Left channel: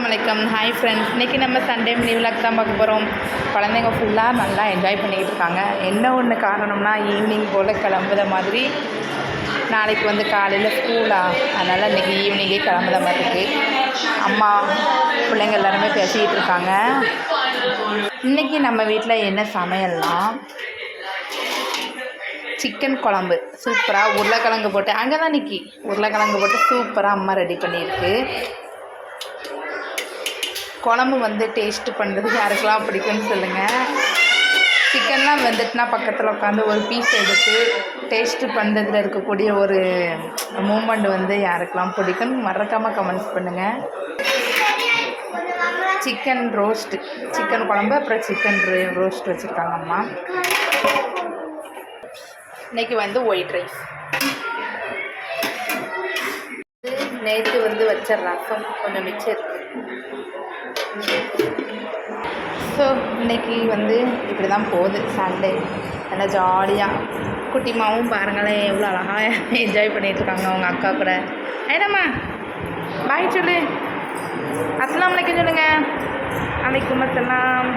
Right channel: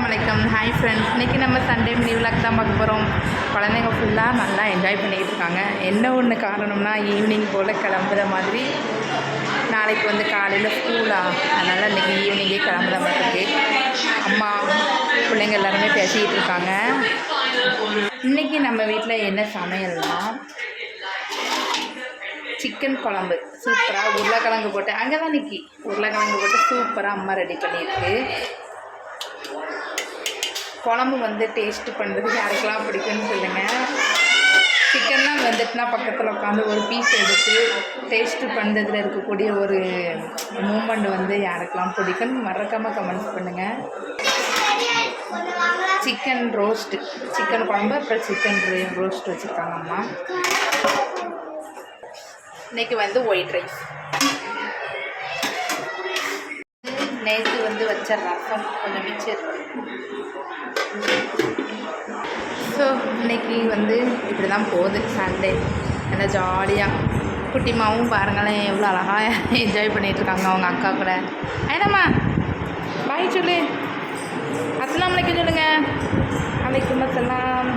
வணக்கம். Hi friends, இன்றைக்கி நம்ம சண்டே மினி விளாக் தான் பார்க்க போகிறோம். குழந்தைங்க ஃபுல்லாக நல்லா என்ஜாய் பண்ணிக்கிட்டு இருக்காங்க. என்ன ஒன்று காரணம்னா ஈவினிங் போல் கிளம்புத மாதிரி. நாளைக்கு வந்து காலையில் ஸ்கூலா, அதனால் இன்றைக்கி ஈவினிங்கே கிளம்புத மாதிரி இருக்குது. அம்மா பிள்ளைங்க எல்லாருமே பேசிக்கிட்டு இருக்காங்க. இன்றைக்கி நம்ம வீட்டில் என்ன சமையல்னால் சிக்கன் குழம்பு சூப்பராக உருளைக்கிழங்கு போட்டு, அங்கே தான் நிற்கி உருளைக்கிழங்கு போட்டு சூப்பராக அம்மா ரெடி பண்ணியிருக்கு. குழம்பு வந்து டேஸ்ட்டு பண்ணுறது யாருக்கெல்லாம் பிடிக்கும்னு சொல்லுங்கள். சிக்கன்லாம் வெந்துட்டுனா பக்கத்தில் உட்காந்து ஒரு பீஸ் எடுத்து டேஸ்ட்டு பண்ணுறதுல இருக்கக்கூடிய ஒரு மூமெண்ட் வந்து யாருக்கெல்லாம் பிடிக்கும்னு மறக்காமல் கமெண்ட்ஸ் பண்ணுங்கள். சிக்கன் ரோஸ்ட்டு, சிக்கன் குழம்பு, அப்புறம் சிக்கன் ரோஸ்ட் வச்சுருக்காங்க அம்மா. இன்றைக்கி வந்து ஒயிட் ரைஸ், நேற்று வந்து வச்ச ரசம் கொஞ்சம் மிச்சம் இருக்குது. ஸோ இன்றைக்கி வந்து இப்படி தான் போகுது சண்டே. நல்லா ஜாலியாக குட்டிமாவும் பாருங்களேன் எவ்வளோ அழகாக என்ஜாய் பண்ணிகிட்ருக்காங்க அவங்க அக்கா கூட. ஐயனம்மா பாய் சொல்லு, அஸ்ஸலாமு அலைக்கும் சொல்லுங்கள். அலைக்கும் அஸ்ஸலாம்.